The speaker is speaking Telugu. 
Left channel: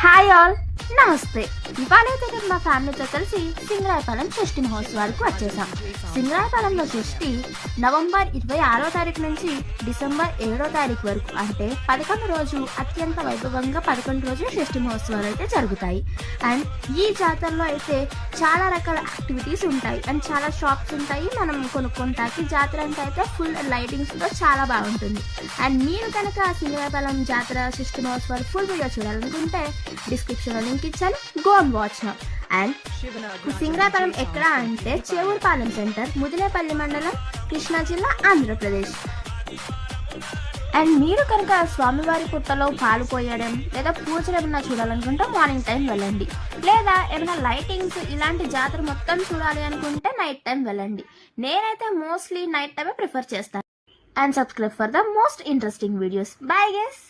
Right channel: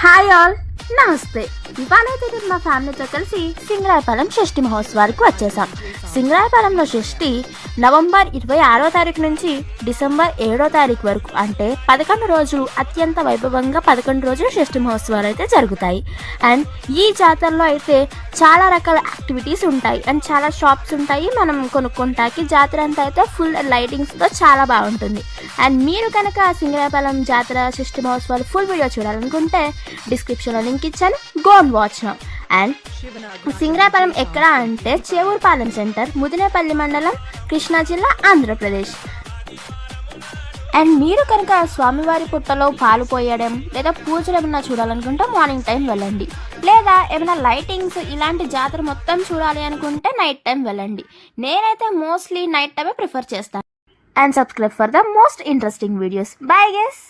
హాయ్ ఆల్, నమస్తే. ఇవాళైతే నేను మా ఫ్యామిలీతో కలిసి సింగరాయపాలెం షష్ఠి మహోత్సవానికి వచ్చేసాం. సింగరాయపాలెంలో షష్ఠి నవంబర్ 26వ తారీఖు నుంచి డిసెంబర్ 7వ తారీఖు వరకు, అంటే 11 రోజు అత్యంత వైభవంగా 11 రోజులు షష్ఠి మహోత్సవాలు అయితే జరుగుతాయి. అండ్ ఈ జాతరలో అయితే చాలా రకాల యాక్టివిటీస్ ఉంటాయి అండ్ చాలా షాప్స్ ఉంటాయి. మనం కొనుక్కుంటాకి జాతర అంతా అయితే ఫుల్ లైటింగ్స్తో చాలా బాగుంటుంది. అండ్ మీరు కనుక సింగరాయపాలెం జాతర షష్ఠి మహోత్సవాలు ఫుల్ వీడియో చూడాలనుకుంటే డిస్క్రిప్షన్లో లింక్ ఇచ్చాను, go and watch now. And Singarayapalem ఎక్కడ అంటే చేవూరుపాలెం సెంటర్, ముదినేపల్లి మండలం, కృష్ణా జిల్లా, ఆంధ్రప్రదేశ్. అండ్ మీరు కనుక స్వామివారి పుట్టలో పాలు పోయడం లేదా పూజలు ఏమైనా చూడాలనుకుంటే మార్నింగ్ టైం వెళ్ళండి, లేదా ఏమైనా లైటింగ్స్ ఇలాంటి జాతర మొత్తం చూడాలి అనుకుంటే నైట్ టైం వెళ్ళండి. నేనైతే మోస్ట్లీ నైట్ టైమే ప్రిఫర్ చేస్తాను. And subscribe for the most interesting videos. Bye guys.